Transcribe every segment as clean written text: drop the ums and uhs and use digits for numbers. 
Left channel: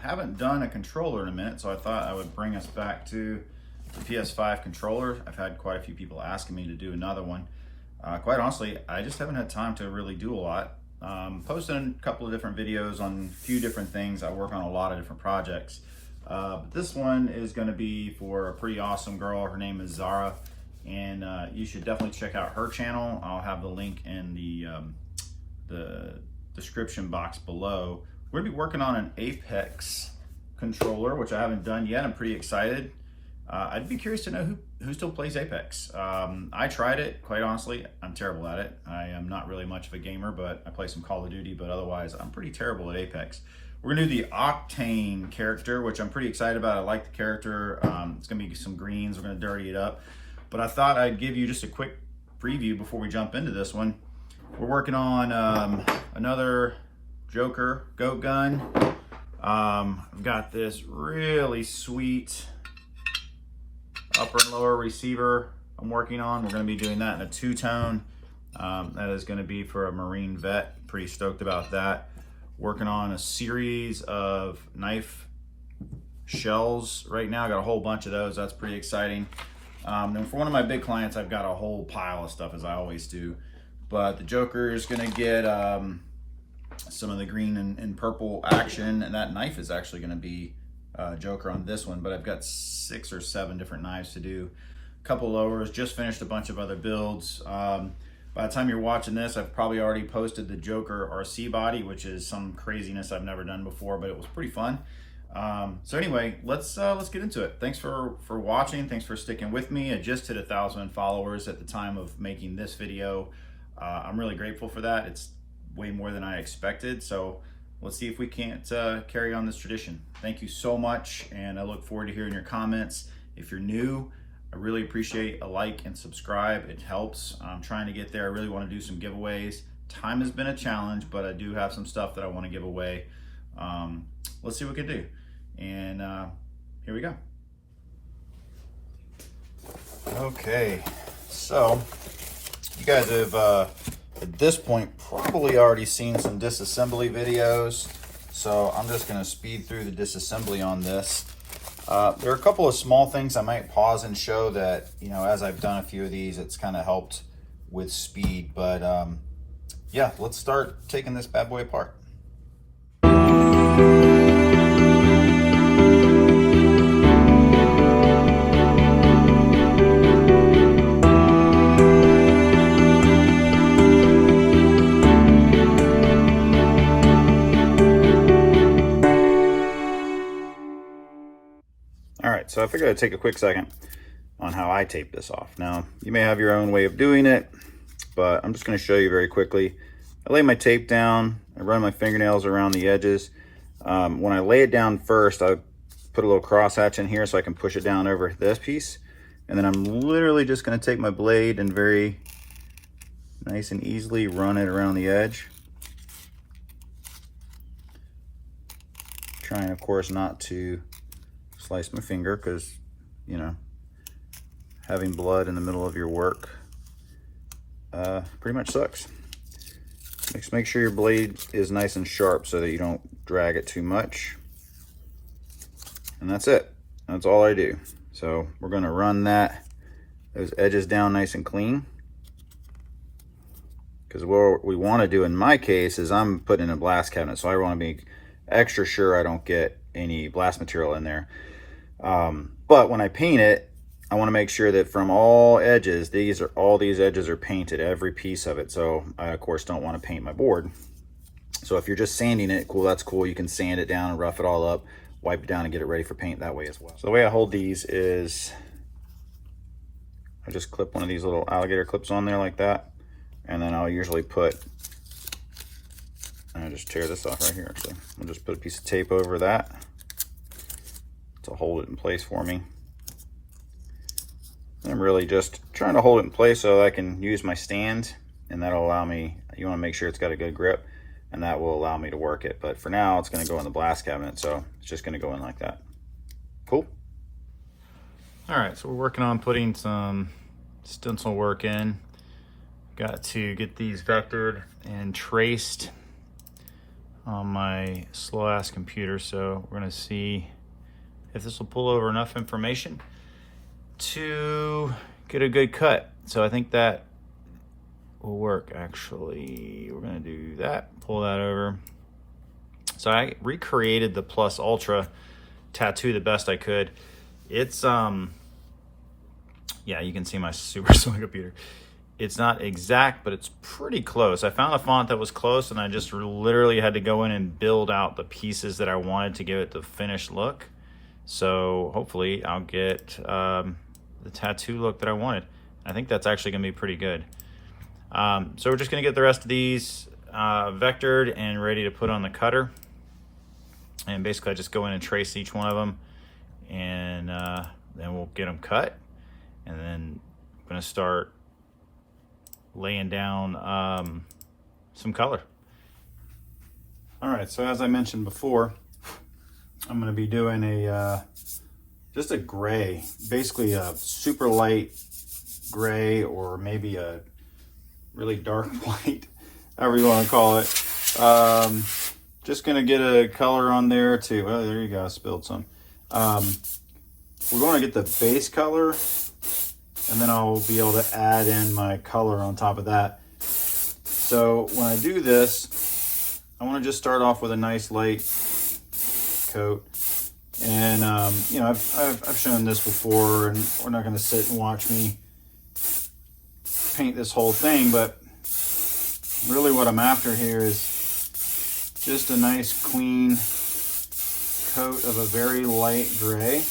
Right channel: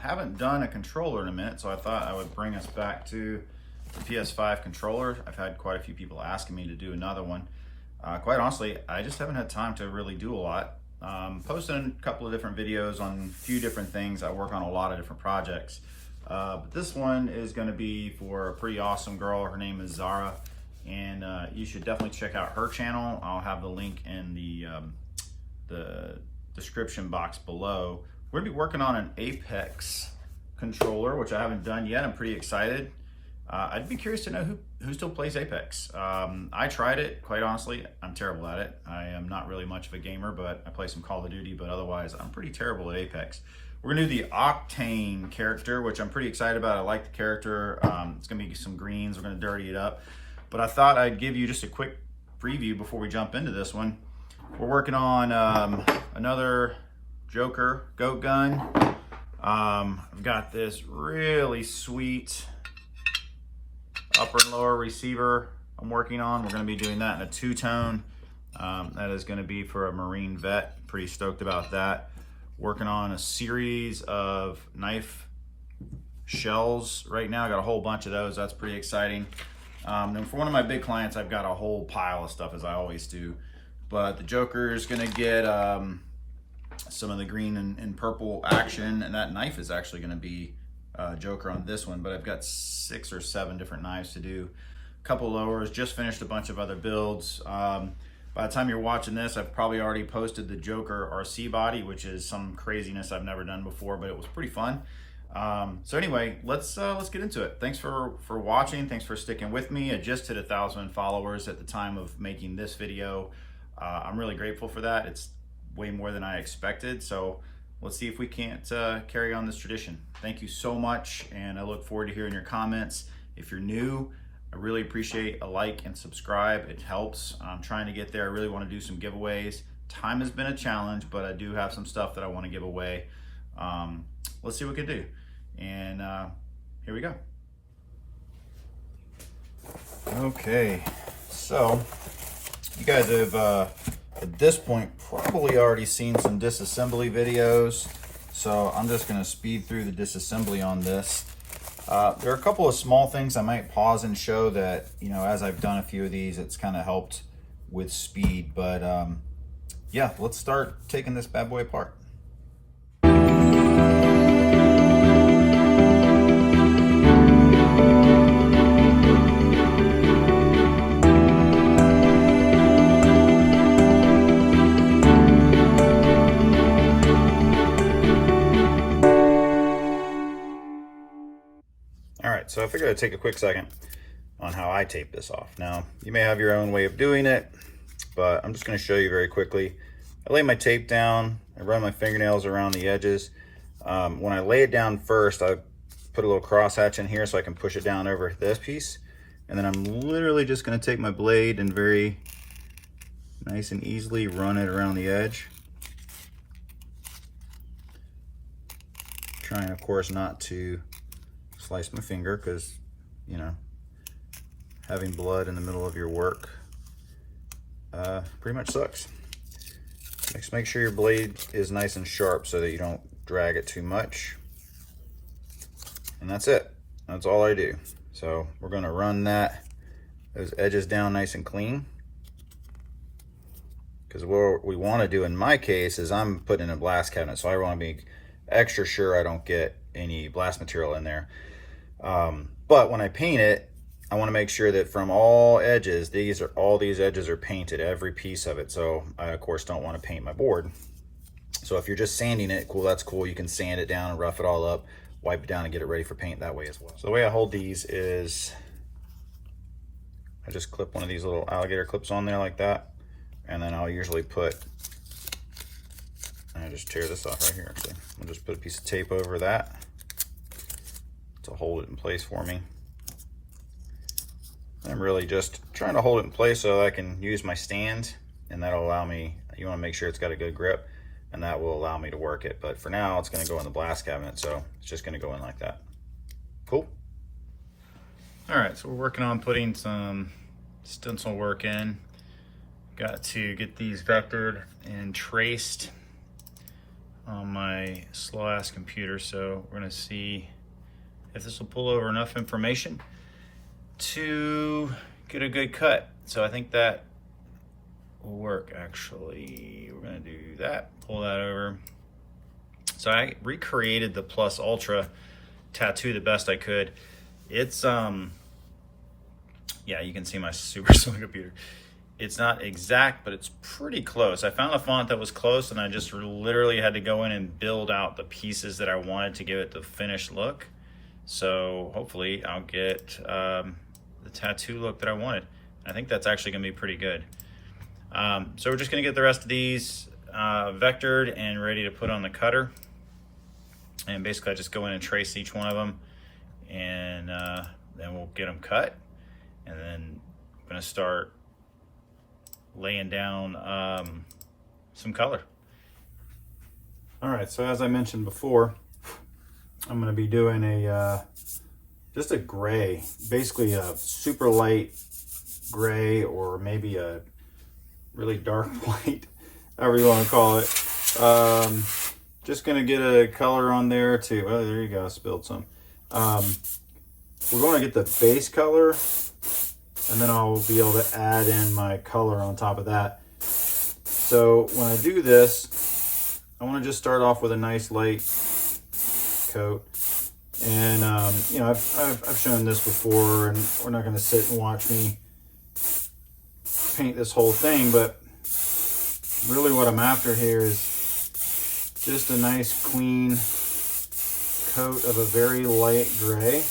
Haven't done a controller in a minute, so I thought I would bring us back to the PS5 controller. I've had quite a few people asking me to do another one. Quite honestly, I just haven't had time to really do a lot. Posting a couple of different videos on a few different things. I work on a lot of different projects. But this one is going to be for a pretty awesome girl. Her name is Zara, and you should definitely check out her channel. I'll have the link in the description box below. We're gonna be working on an Apex controller, which I haven't done yet. I'm pretty excited. I'd be curious to know who still plays Apex. I tried it, quite honestly. I'm terrible at it. I am not really much of a gamer, but I play some Call of Duty, but otherwise I'm pretty terrible at Apex. We're gonna do the Octane character, which I'm pretty excited about. I like the character. It's gonna be some greens. We're gonna dirty it up. But I thought I'd give you just a quick preview before we jump into this one. We're working on another Joker goat gun. I've got this really sweet upper and lower receiver I'm working on. We're going to be doing that in a two-tone. That is going to be for a Marine vet. Pretty stoked about that. Working on a series of knife shells right now. I got a whole bunch of those. That's pretty exciting. Then for one of my big clients, I've got a whole pile of stuff, as I always do. But the Joker is going to get some of the green and purple action, and that knife is actually going to be Joker on this one. But I've got 6 or 7 different knives to do. A couple lowers, just finished a bunch of other builds. By the time you're watching this, I've probably already posted the Joker RC body, which is some craziness I've never done before, but it was pretty fun. So anyway, let's get into it. Thanks for watching. Thanks for sticking with me. I just hit 1,000 followers at the time of making this video. I'm really grateful for that. It's way more than I expected. So let's see if we can't carry on this tradition. Thank you so much, and I look forward to hearing your comments. If you're new, I really appreciate a like and subscribe. It helps. I'm trying to get there. I really want to do some giveaways. Time has been a challenge, but I do have some stuff that I want to give away. Let's see what we can do. And here we go. Okay, so you guys have at this point probably already seen some disassembly videos, so I'm just going to speed through the disassembly on this. There are a couple of small things I might pause and show that, you know, as I've done a few of these, it's kind of helped with speed. But yeah, let's start taking this bad boy apart. So I figured I'd take a quick second on how I tape this off. Now, you may have your own way of doing it, but I'm just going to show you very quickly. I lay my tape down, I run my fingernails around the edges. When I lay it down first, I put a little crosshatch in here so I can push it down over this piece. And then I'm literally just going to take my blade and very nice and easily run it around the edge. Trying, of course, not to slice my finger, because, you know, having blood in the middle of your work pretty much sucks. Just make sure your blade is nice and sharp so that you don't drag it too much. And that's it. That's all I do. So we're going to run those edges down nice and clean, because what we want to do in my case is I'm putting in a blast cabinet, so I want to be extra sure I don't get any blast material in there. But when I paint it, I want to make sure that from all edges, all these edges are painted, every piece of it. So I, of course, don't want to paint my board. So if you're just sanding it, cool, that's cool. You can sand it down and rough it all up, wipe it down and get it ready for paint that way as well. So the way I hold these is I just clip one of these little alligator clips on there like that. And then I'll usually I just tear this off right here, actually. I'll just put a piece of tape over that to hold it in place for me. I'm really just trying to hold it in place so I can use my stand, and that'll allow me, you want to make sure it's got a good grip, and that will allow me to work it. But for now, it's going to go in the blast cabinet, so it's just going to go in like that. Cool. All right, so we're working on putting some stencil work in. Got to get these vectored and traced on my slow ass computer, so we're gonna see if this will pull over enough information to get a good cut. So I think that will work. Actually, we're gonna do that, pull that over. So I recreated the Plus Ultra tattoo the best I could. It's yeah, you can see my super slow computer. It's not exact, but it's pretty close. I found a font that was close, and I just literally had to go in and build out the pieces that I wanted to give it the finished look. So hopefully I'll get the tattoo look that I wanted. I think that's actually gonna be pretty good. So we're just gonna get the rest of these vectored and ready to put on the cutter. And basically I just go in and trace each one of them, and then we'll get them cut. And then I'm gonna start laying down some color. All right, so as I mentioned before, I'm gonna be doing just a gray, basically a super light gray, or maybe a really dark white, however you wanna call it. Just gonna get a color on there too. Oh, there you go, I spilled some. We're gonna get the base color, and then I'll be able to add in my color on top of that. So when I do this, I want to just start off with a nice light coat. And you know, I've shown this before, and we're not going to sit and watch me paint this whole thing, but really what I'm after here is just a nice clean coat of a very light gray.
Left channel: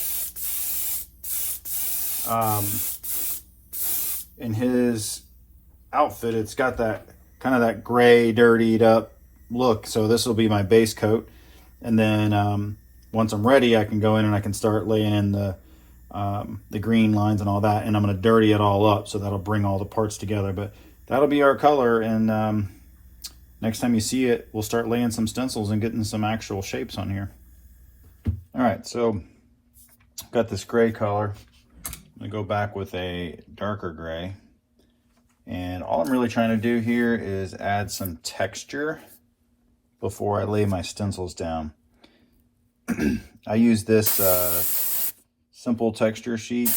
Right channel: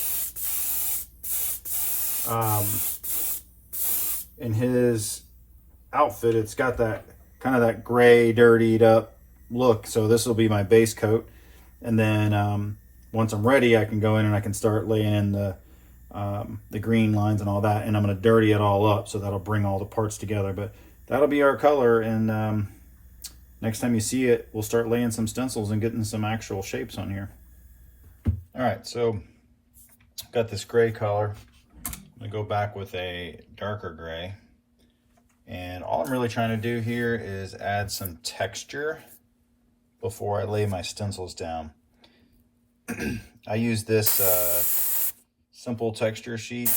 In his outfit, it's got that kind of that gray, dirtied up look. So this will be my base coat. And then once I'm ready, I can go in and I can start laying in the green lines and all that. And I'm going to dirty it all up, so that'll bring all the parts together. But that'll be our color. And next time you see it, we'll start laying some stencils and getting some actual shapes on here. All right, so I've got this gray color. I'm gonna go back with a darker gray, and all I'm really trying to do here is add some texture before I lay my stencils down. I use this simple texture sheet.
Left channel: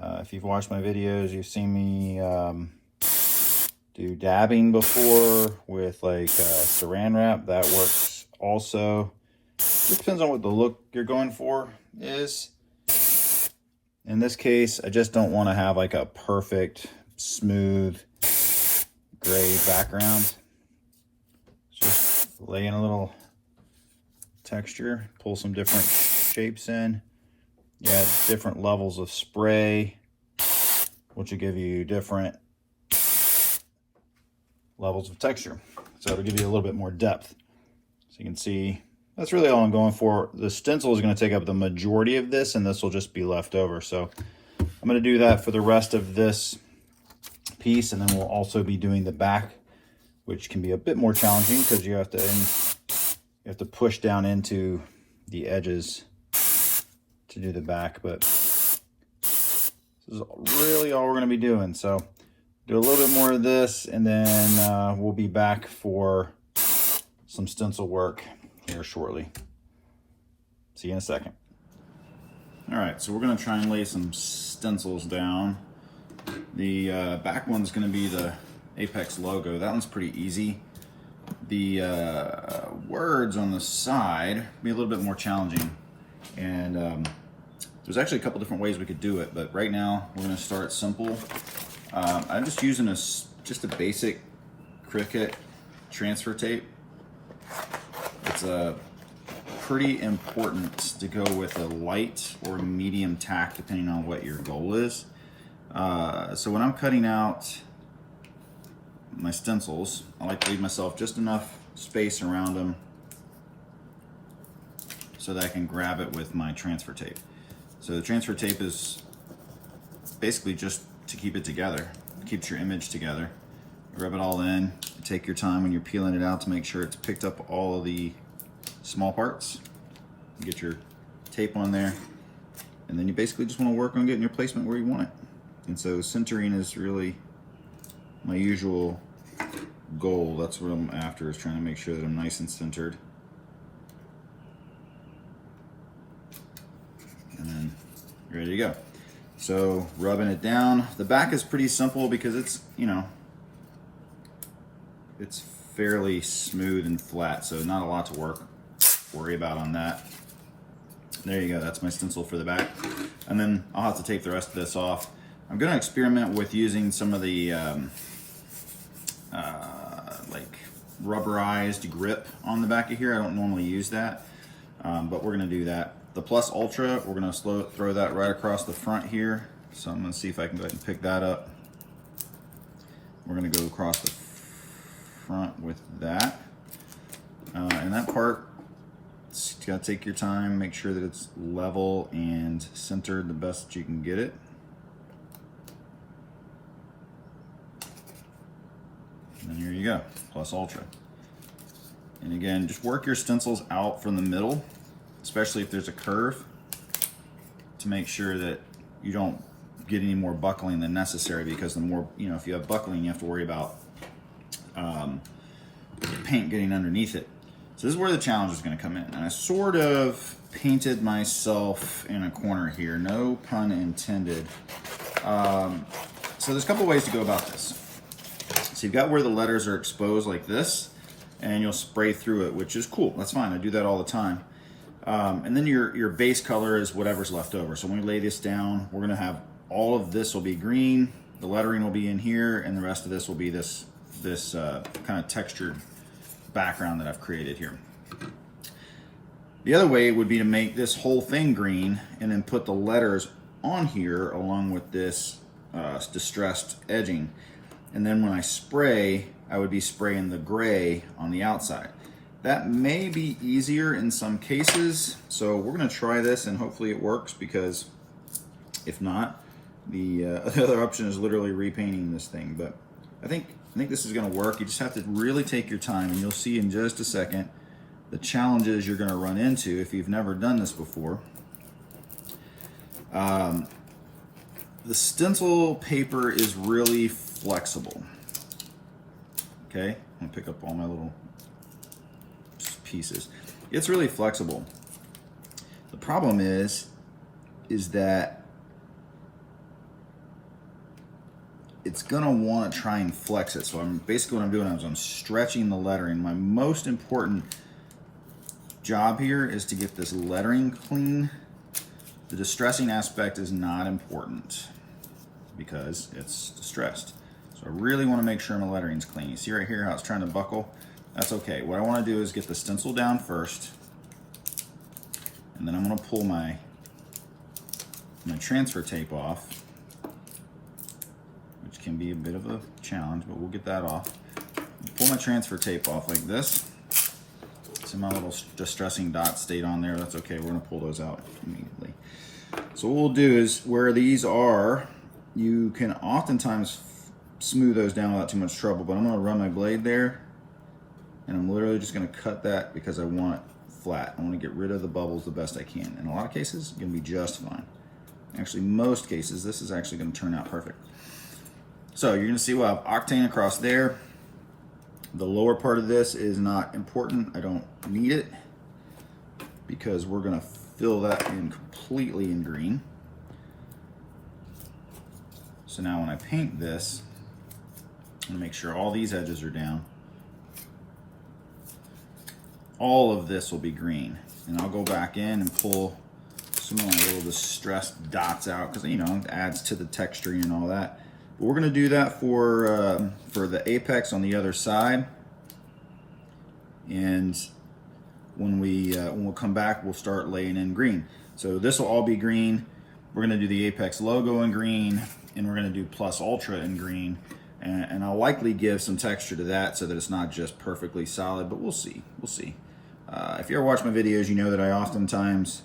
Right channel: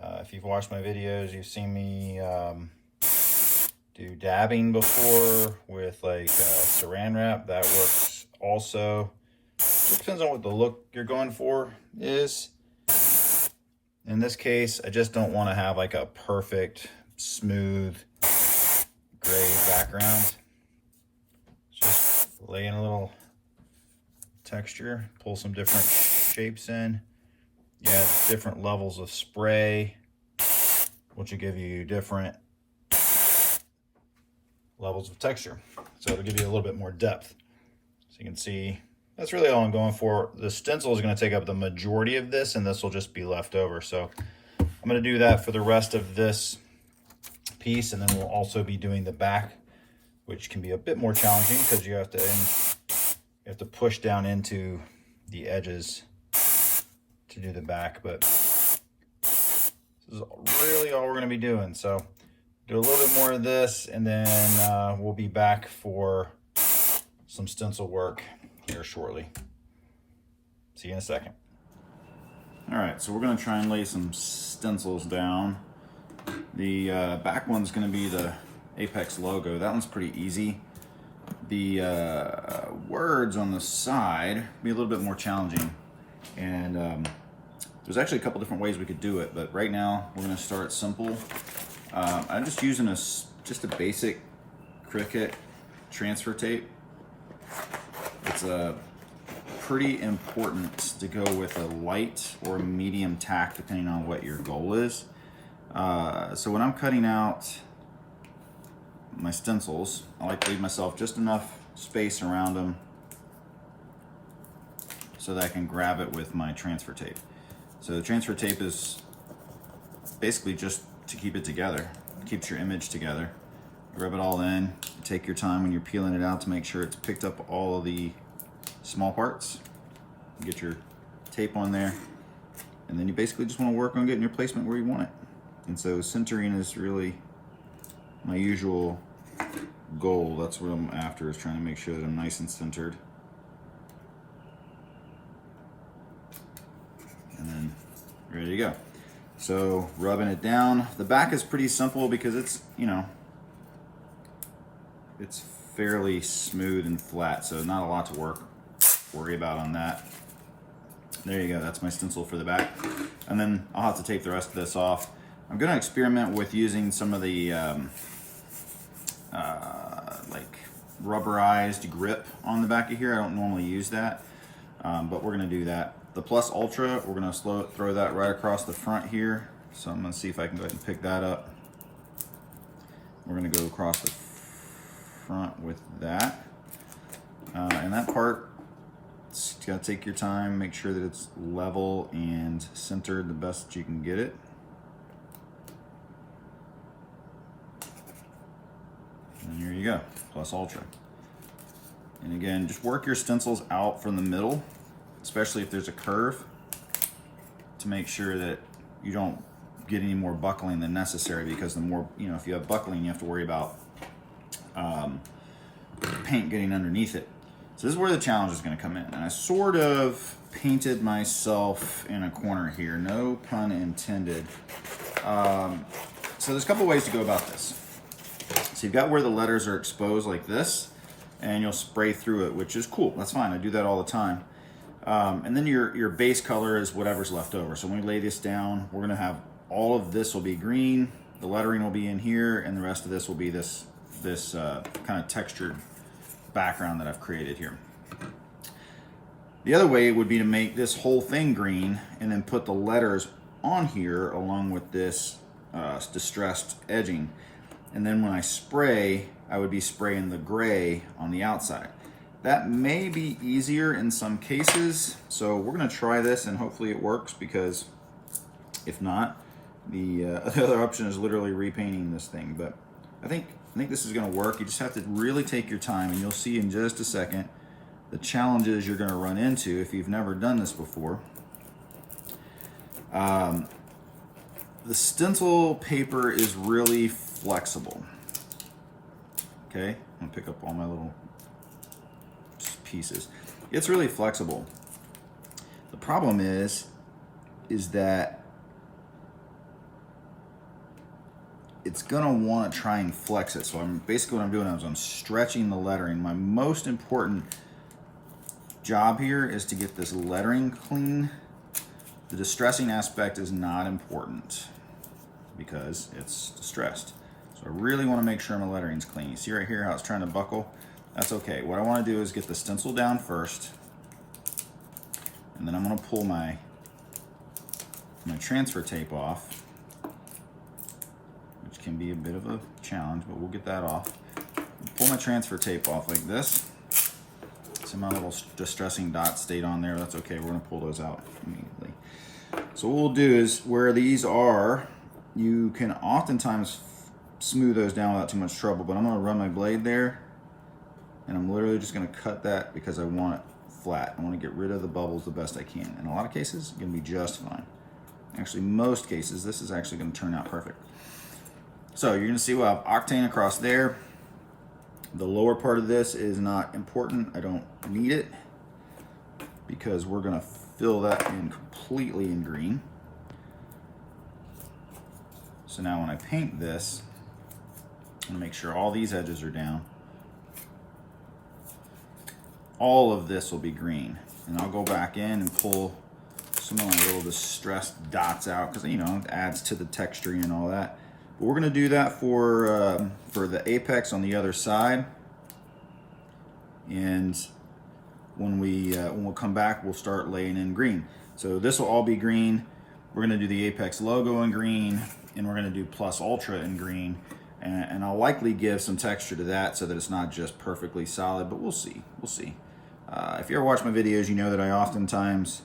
If you've watched my videos, you've seen me do dabbing before with like saran wrap. That works also. It depends on what the look you're going for is. In this case, I just don't want to have like a perfect, smooth, gray background. Just lay in a little texture, pull some different shapes in. You add different levels of spray, which will give you different levels of texture. So it'll give you a little bit more depth. So you can see, that's really all I'm going for. The stencil is going to take up the majority of this, and this will just be left over. So I'm going to do that for the rest of this piece, and then we'll also be doing the back, which can be a bit more challenging because you have to push down into the edges to do the back. But this is really all we're going to be doing. So do a little bit more of this, and then we'll be back for some stencil work here shortly. See you in a second. All right, so we're gonna try and lay some stencils down. The back one's gonna be the Apex logo. That one's pretty easy. The words on the side be a little bit more challenging. And there's actually a couple different ways we could do it, but right now we're gonna start simple. I'm just using just a basic Cricut transfer tape. It's pretty important to go with a light or medium tack depending on what your goal is. So when I'm cutting out my stencils, I like to leave myself just enough space around them so that I can grab it with my transfer tape. So the transfer tape is basically just to keep it together. It keeps your image together. Rub it all in. Take your time when you're peeling it out to make sure it's picked up all of the small parts. Get your tape on there, and then you basically just want to work on getting your placement where you want it. And so centering is really my usual goal. That's what I'm after, is trying to make sure that I'm nice and centered. And then ready to go. So rubbing it down. The back is pretty simple because it's, you know, it's fairly smooth and flat, so not a lot to worry about on that. There you go, that's my stencil for the back. And then I'll have to tape the rest of this off. I'm gonna experiment with using some of the like rubberized grip on the back of here. I don't normally use that, but we're gonna do that. The Plus Ultra, we're gonna throw that right across the front here. So I'm gonna see if I can go ahead and pick that up. We're gonna go across the front with that. And that part, you gotta take your time, make sure that it's level and centered the best you can get it. And here you go, Plus Ultra. And again, just work your stencils out from the middle, especially if there's a curve, to make sure that you don't get any more buckling than necessary, because the more, you know, if you have buckling, you have to worry about paint getting underneath it. So this is where the challenge is going to come in. And I sort of painted myself in a corner here, no pun intended. So there's a couple ways to go about this. So you've got where the letters are exposed like this, and you'll spray through it, which is cool. That's fine. I do that all the time. And then your base color is whatever's left over. So when we lay this down, we're gonna have all of this will be green, the lettering will be in here, and the rest of this will be this kind of textured background that I've created here. The other way would be to make this whole thing green and then put the letters on here along with this distressed edging. And then when I spray, I would be spraying the gray on the outside. That may be easier in some cases, so we're gonna try this and hopefully it works, because if not, the other option is literally repainting this thing. But I think this is gonna work. You just have to really take your time, and you'll see in just a second the challenges you're gonna run into if you've never done this before. The stencil paper is really flexible. Okay, I'm gonna pick up all my little pieces. It's really flexible. The problem is that it's gonna want to try and flex it. So basically what I'm doing is I'm stretching the lettering. My most important job here is to get this lettering clean. The distressing aspect is not important because it's distressed. So I really want to make sure my lettering's clean. You see right here how it's trying to buckle? That's okay. What I want to do is get the stencil down first, and then I'm going to pull my transfer tape off, which can be a bit of a challenge, but we'll get that off. Pull my transfer tape off like this. So my little distressing dots stayed on there. That's okay. We're going to pull those out immediately. So what we'll do is, where these are, you can oftentimes smooth those down without too much trouble, but I'm going to run my blade there, and I'm literally just going to cut that because I want it flat. I want to get rid of the bubbles the best I can. In a lot of cases, it's going to be just fine. Actually, most cases, this is actually going to turn out perfect. So you're going to see we'll have Octane across there. The lower part of this is not important. I don't need it because we're going to fill that in completely in green. So now when I paint this, I'm going to make sure all these edges are down. All of this will be green, and I'll go back in and pull some of my little distressed dots out because, you know, it adds to the texturing and all that. But we're going to do that for the apex on the other side, and when we'll come back, we'll start laying in green. So this will all be green. We're going to do the Apex logo in green, and we're going to do Plus Ultra in green, and I'll likely give some texture to that so that it's not just perfectly solid, but we'll see. If you ever watch my videos, you know that I oftentimes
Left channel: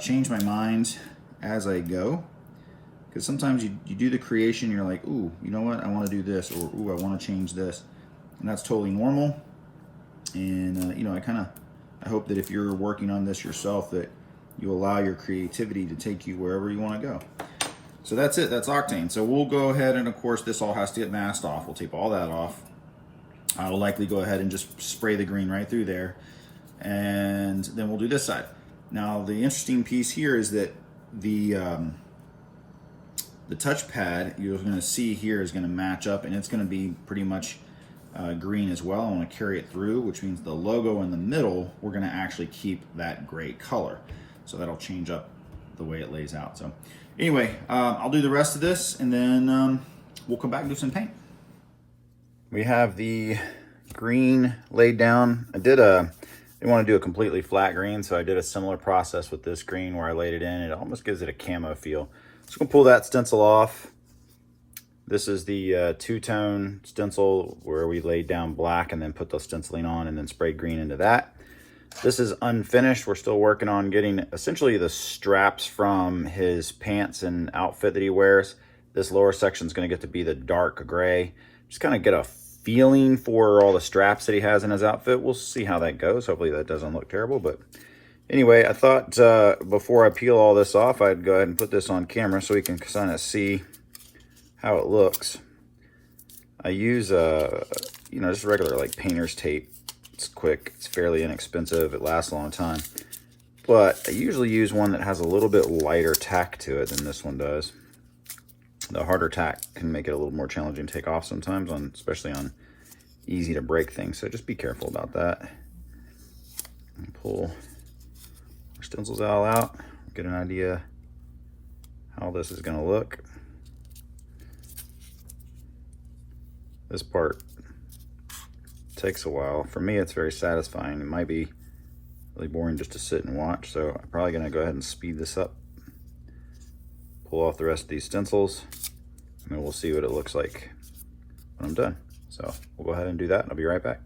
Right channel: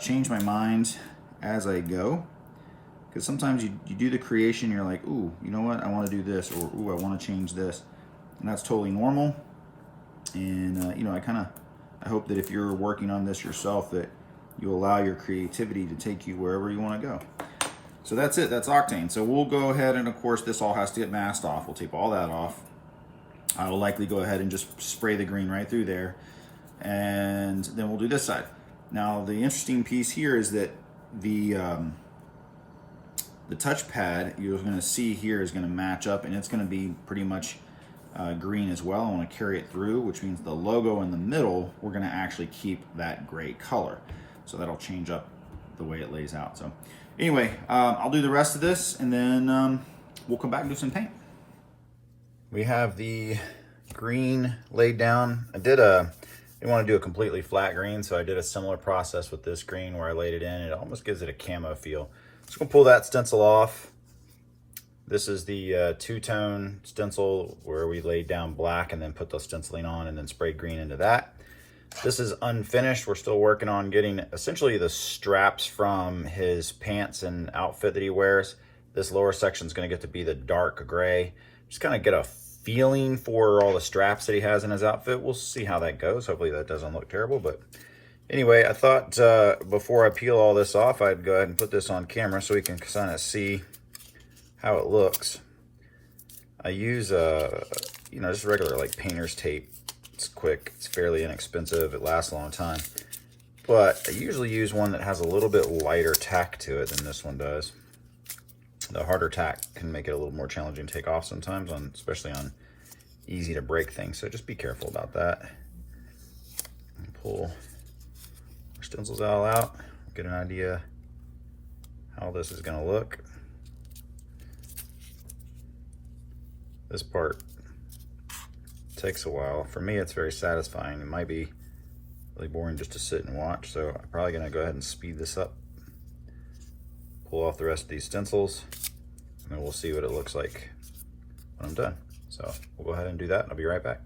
change my mind as I go, because sometimes you do the creation, you're like, ooh, you know what, I want to do this, or ooh, I want to change this, and that's totally normal. And you know, I hope that if you're working on this yourself, that you allow your creativity to take you wherever you want to go. So that's it, that's Octane. So we'll go ahead, and of course this all has to get masked off. We'll tape all that off. I will likely go ahead and just spray the green right through there. And then we'll do this side. Now, the interesting piece here is that the touchpad you're going to see here is going to match up, and it's going to be pretty much green as well. I want to carry it through, which means the logo in the middle, we're going to actually keep that gray color. So that'll change up the way it lays out. So anyway, I'll do the rest of this, and then we'll come back and do some paint. We have the green laid down. I didn't want to do a completely flat green, so I did a similar process with this green where I laid it in. It almost gives it a camo feel. Just gonna pull that stencil off. This is the two-tone stencil where we laid down black and then put the stenciling on and then sprayed green into that. This is unfinished. We're still working on getting essentially the straps from his pants and outfit that he wears. This lower section is going to get to be the dark gray. Just kind of get a feeling for all the straps that he has in his outfit. We'll see how that goes. Hopefully that doesn't look terrible. But anyway, I thought before I peel all this off, I'd go ahead and put this on camera so we can kind of see how it looks. I use just regular like painter's tape. It's quick, it's fairly inexpensive, it lasts a long time. But I usually use one that has a little bit lighter tack to it than this one does. The harder tack can make it a little more challenging to take off sometimes, especially on easy to break things. So just be careful about that. And pull our stencils all out, get an idea how this is going to look. This part takes a while. For me, it's very satisfying. It might be really boring just to sit and watch, so I'm probably going to go ahead and speed this up. Pull off the rest of these stencils, and then we'll see what it looks like when I'm done. So we'll go ahead and do that, and I'll be right back.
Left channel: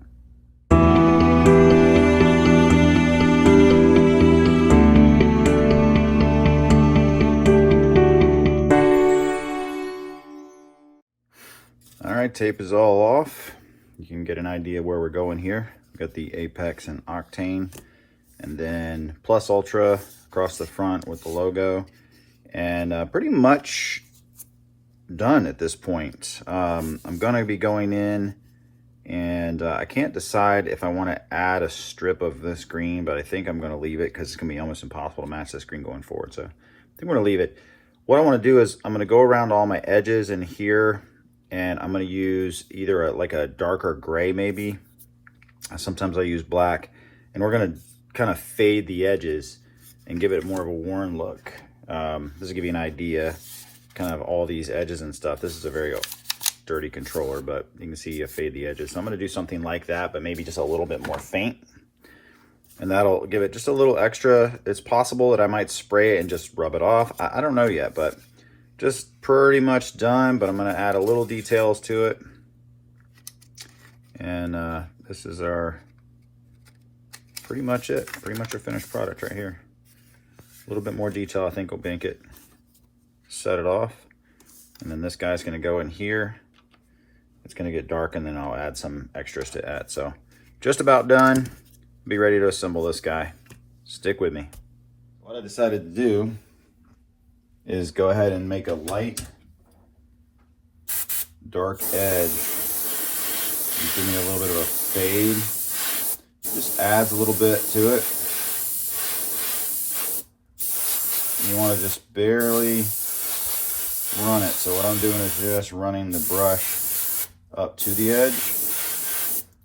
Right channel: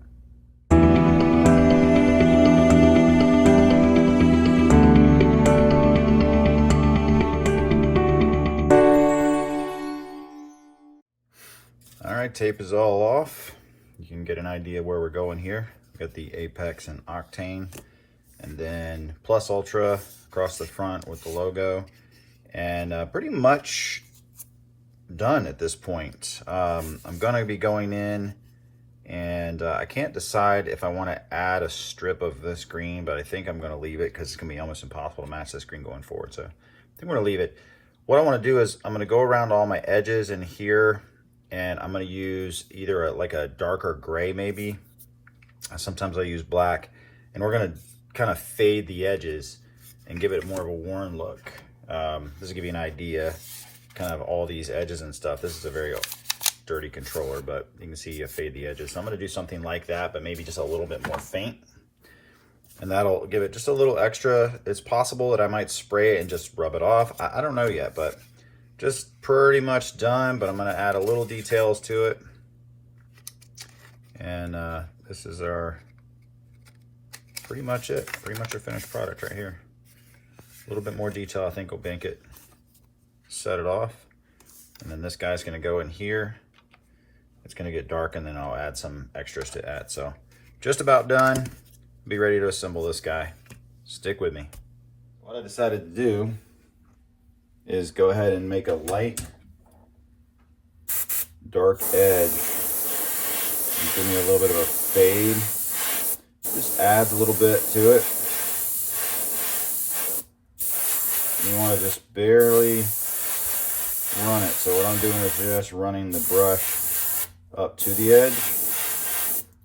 All right, tape is all off. You can get an idea where we're going here. We've got the Apex and Octane, and then Plus Ultra across the front with the logo. And pretty much done at this point. I'm gonna be going in, and I can't decide if I want to add a strip of this green, but I think I'm gonna leave it because it's gonna be almost impossible to match this green going forward. So I think I'm gonna leave it. What I want to do is I'm gonna go around all my edges in here, and I'm gonna use either like a darker gray maybe. Sometimes I use black, and we're gonna kind of fade the edges and give it more of a worn look. This will give you an idea, kind of all these edges and stuff. This is a very dirty controller, but you can see you fade the edges. So I'm going to do something like that, but maybe just a little bit more faint. And that'll give it just a little extra. It's possible that I might spray it and just rub it off. I don't know yet, but just pretty much done. But I'm going to add a little details to it. And this is pretty much it. Pretty much our finished product right here. A little bit more detail, I think, will bank it, set it off. And then this guy's going to go in here. It's going to get dark, and then I'll add some extras to add. So just about done. Be ready to assemble this guy. Stick with me. What I decided to do is go ahead and make a light dark edge. Give me a little bit of a fade. Just adds a little bit to it. You want to just barely run it. So what I'm doing is just running the brush up to the edge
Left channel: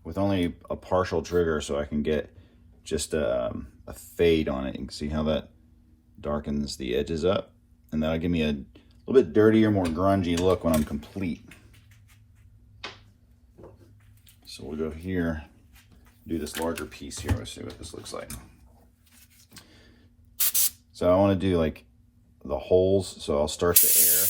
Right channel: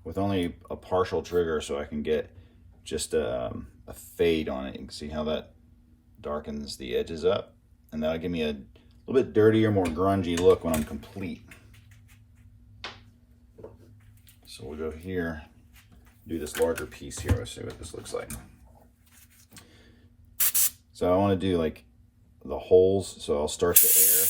with only a partial trigger, so I can get just a fade on it. You can see how that darkens the edges up, and that'll give me a little bit dirtier, more grungy look when I'm complete. So we'll go here, do this larger piece here. Let's see what this looks like. So I want to do like the holes, so I'll start the air.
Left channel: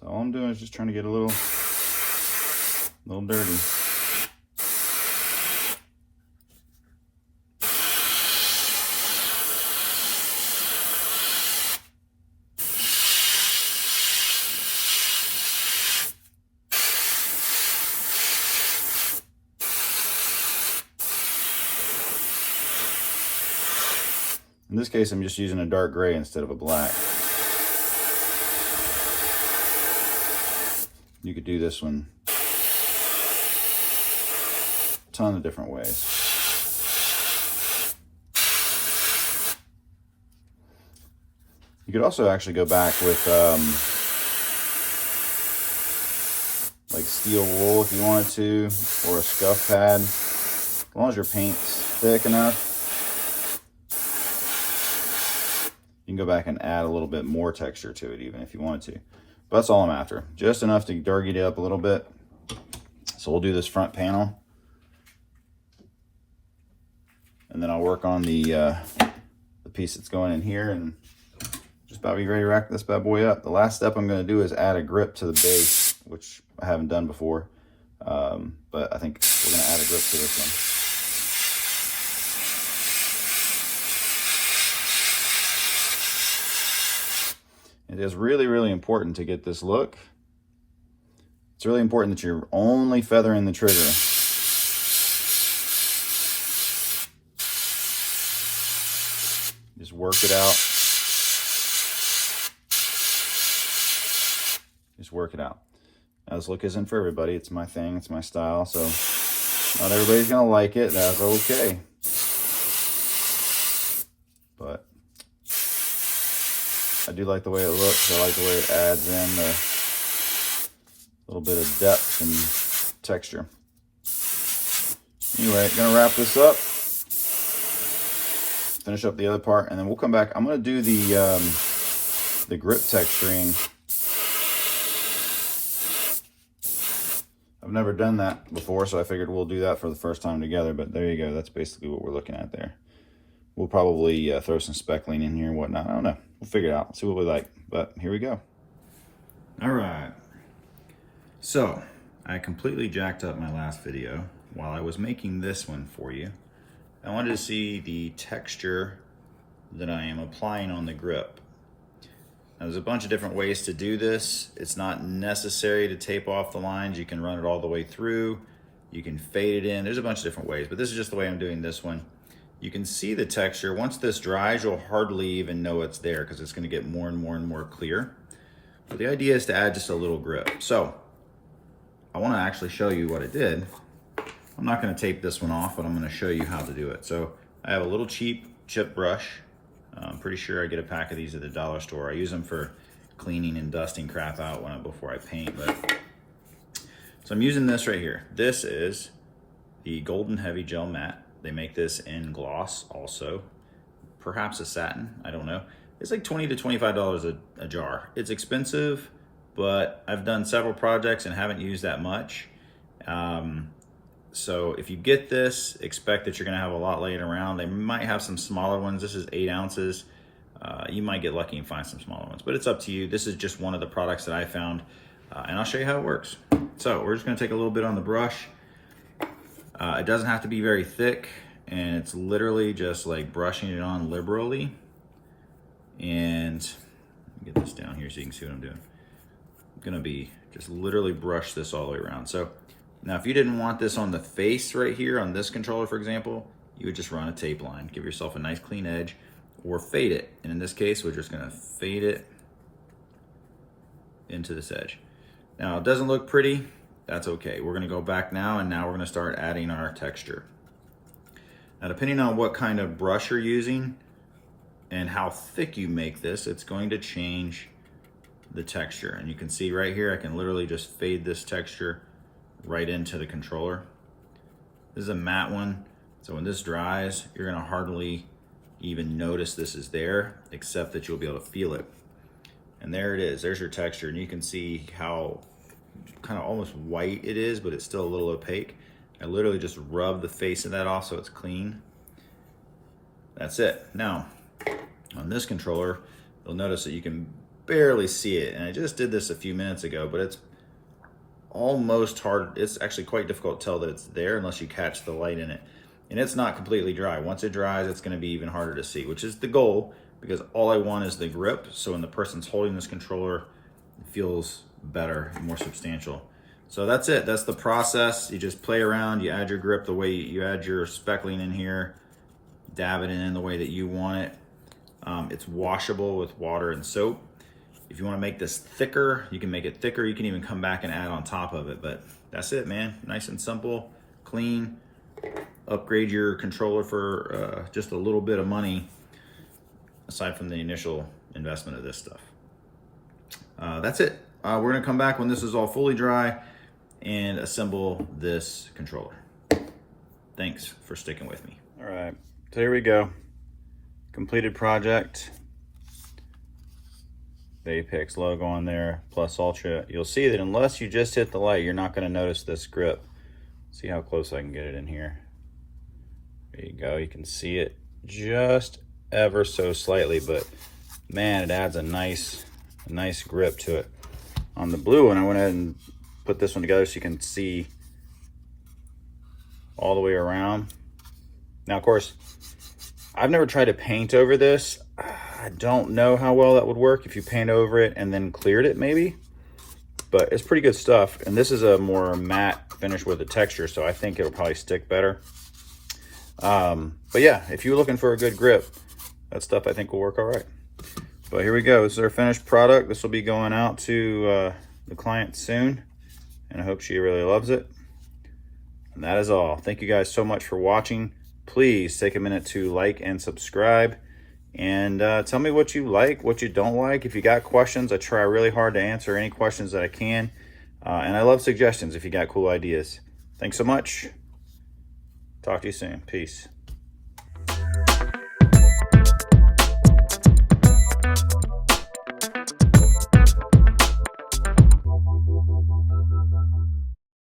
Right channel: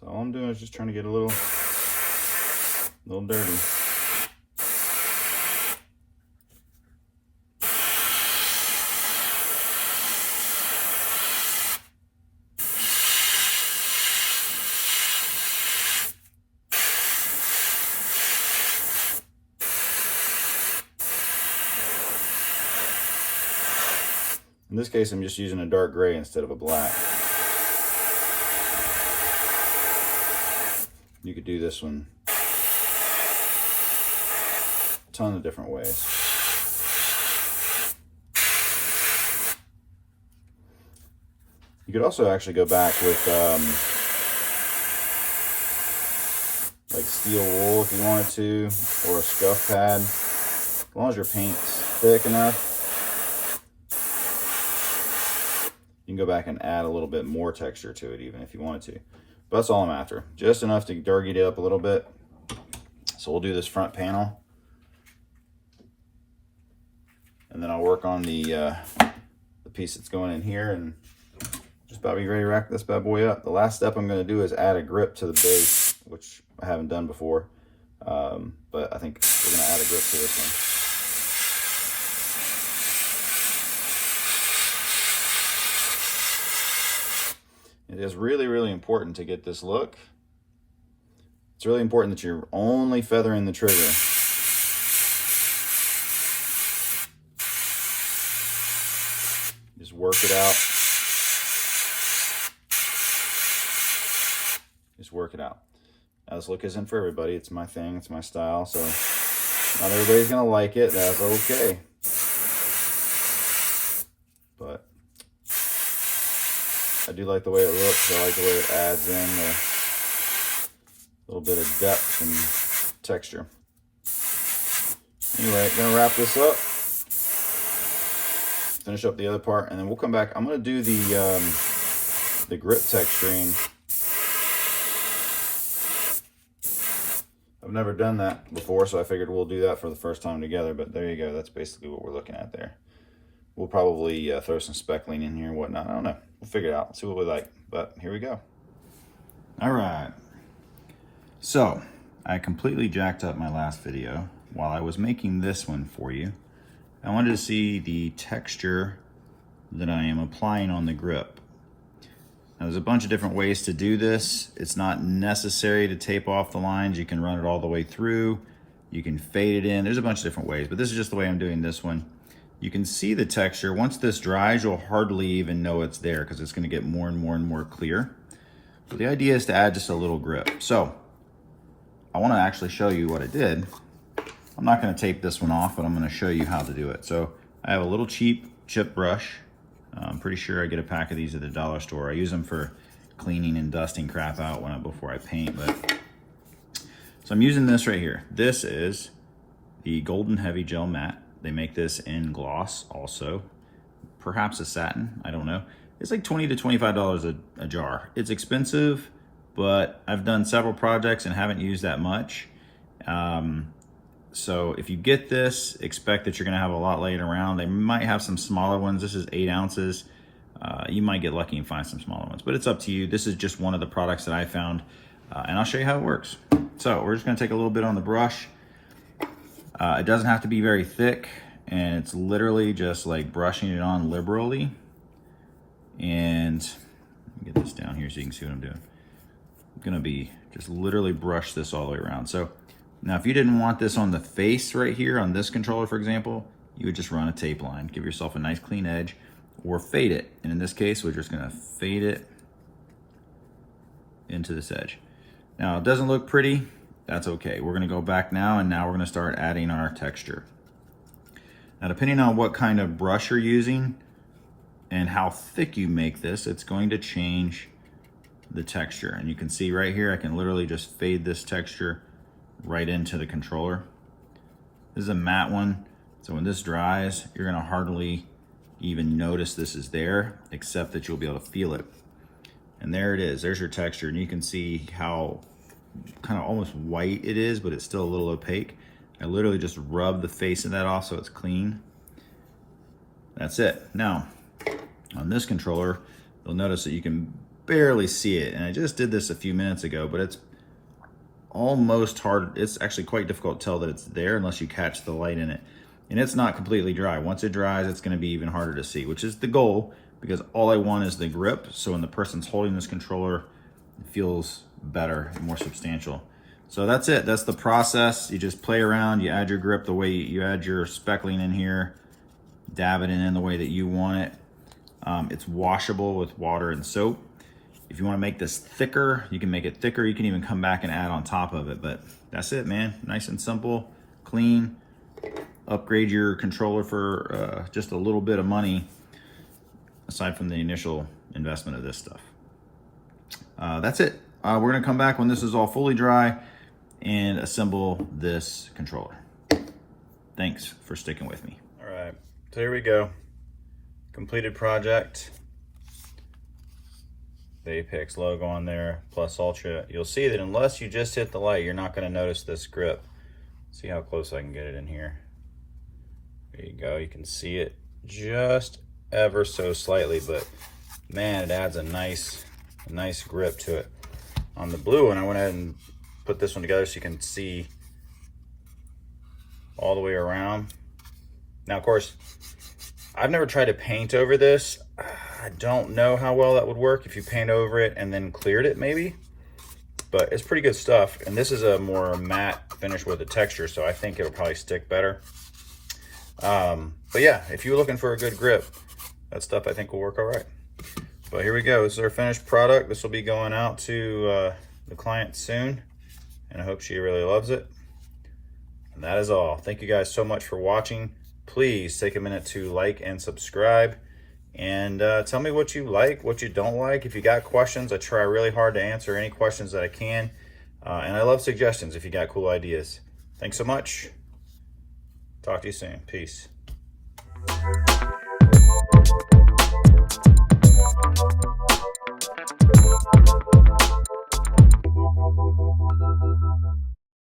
So all I'm doing is just trying to get a little dirty. In this case, I'm just using a dark gray instead of a black. You could do this one a ton of different ways. You could also actually go back with like steel wool if you wanted to, or a scuff pad. As long as your paint's thick enough, you can go back and add a little bit more texture to it even if you wanted to. But that's all I'm after. Just enough to darky it up a little bit. So we'll do this front panel. And then I'll work on the piece that's going in here and just about be ready to wrap this bad boy up. The last step I'm going to do is add a grip to the base, which I haven't done before. But I think we're going to add a grip to this one. It is really, really important to get this look. It's really important that you're only feathering the trigger. Just work it out. Just work it out. Now, this look isn't for everybody. It's my thing. It's my style. So not everybody's going to like it. That's okay. But I do like the way it looks. I like the way it adds in a little bit of depth and texture. Anyway, gonna wrap this up, finish up the other part, and then we'll come back. I'm gonna do the grip texturing. I've never done that before, so I figured we'll do that for the first time together. But there you go. That's basically what we're looking at there. We'll probably throw some speckling in here and whatnot. I don't know. We'll figure it out. See what we like. But here we go. All right. So I completely jacked up my last video while I was making this one for you. I wanted to see the texture that I am applying on the grip. Now, there's a bunch of different ways to do this. It's not necessary to tape off the lines. You can run it all the way through. You can fade it in. There's a bunch of different ways, but this is just the way I'm doing this one. You can see the texture. Once this dries, you'll hardly even know it's there because it's going to get more and more and more clear. So the idea is to add just a little grip. So I want to actually show you what I did. I'm not going to tape this one off, but I'm going to show you how to do it. So I have a little cheap chip brush. I'm pretty sure I get a pack of these at the dollar store. I use them for cleaning and dusting crap out before I paint. So I'm using this right here. This is the Golden Heavy Gel Matte. They make this in gloss also, perhaps a satin, I don't know. It's like $20 to $25 a jar. It's expensive, but I've done several projects and haven't used that much. So if you get this, expect that you're gonna have a lot laying around. They might have some smaller ones. This is 8 ounces. You might get lucky and find some smaller ones, but it's up to you. This is just one of the products that I found, and I'll show you how it works. So we're just gonna take a little bit on the brush. It doesn't have to be very thick, and it's literally just like brushing it on liberally. And get this down here so you can see what I'm doing. I'm gonna be just literally brush this all the way around. So now if you didn't want this on the face right here on this controller, for example, you would just run a tape line, give yourself a nice clean edge, or fade it. And in this case, we're just gonna fade it into this edge. Now it doesn't look pretty. That's okay. We're gonna go back now, and now we're gonna start adding our texture. Now, depending on what kind of brush you're using and how thick you make this, it's going to change the texture. And you can see right here, I can literally just fade this texture right into the controller. This is a matte one, so when this dries, you're gonna hardly even notice this is there, except that you'll be able to feel it. And there it is, there's your texture, and you can see how kind of almost white it is, but it's still a little opaque. I literally just rub the face of that off so it's clean. That's it. Now, on this controller, you'll notice that you can barely see it, and I just did this a few minutes ago, but it's almost hard. It's actually quite difficult to tell that it's there unless you catch the light in it. And it's not completely dry. Once it dries, it's going to be even harder to see, which is the goal, because all I want is the grip, so when the person's holding this controller, it feels better and more substantial. So that's it. That's the process. You just play around, you add your grip the way you add your speckling in here, dab it in the way that you want it, It's washable with water and soap. If you want to make this thicker, you can make it thicker. You can even come back and add on top of it, but that's it, man. Nice and simple, clean. Upgrade your controller for just a little bit of money, aside from the initial investment of this stuff. That's it. We're gonna come back when this is all fully dry and assemble this controller. Thanks for sticking with me. All right, so here we go. Completed project. The Apex logo on there, plus Ultra. You'll see that unless you just hit the light, you're not gonna notice this grip. See how close I can get it in here. There you go, you can see it just ever so slightly, but man, it adds a nice grip to it. On the blue one, I went ahead and put this one together so you can see all the way around. Now, of course, I've never tried to paint over this. I don't know how well that would work if you paint over it and then cleared it maybe, but it's pretty good stuff. And this is a more matte finish with a texture, so I think it would probably stick better. But yeah, if you're looking for a good grip, that stuff I think will work all right. So here we go. This is our finished product. This will be going out to the client soon, and I hope she really loves it. And that is all. Thank you guys so much for watching. Please take a minute to like and subscribe, and tell me what you like, what you don't like. If you got questions, I try really hard to answer any questions that I can. And I love suggestions if you got cool ideas. Thanks so much. Talk to you soon. Peace.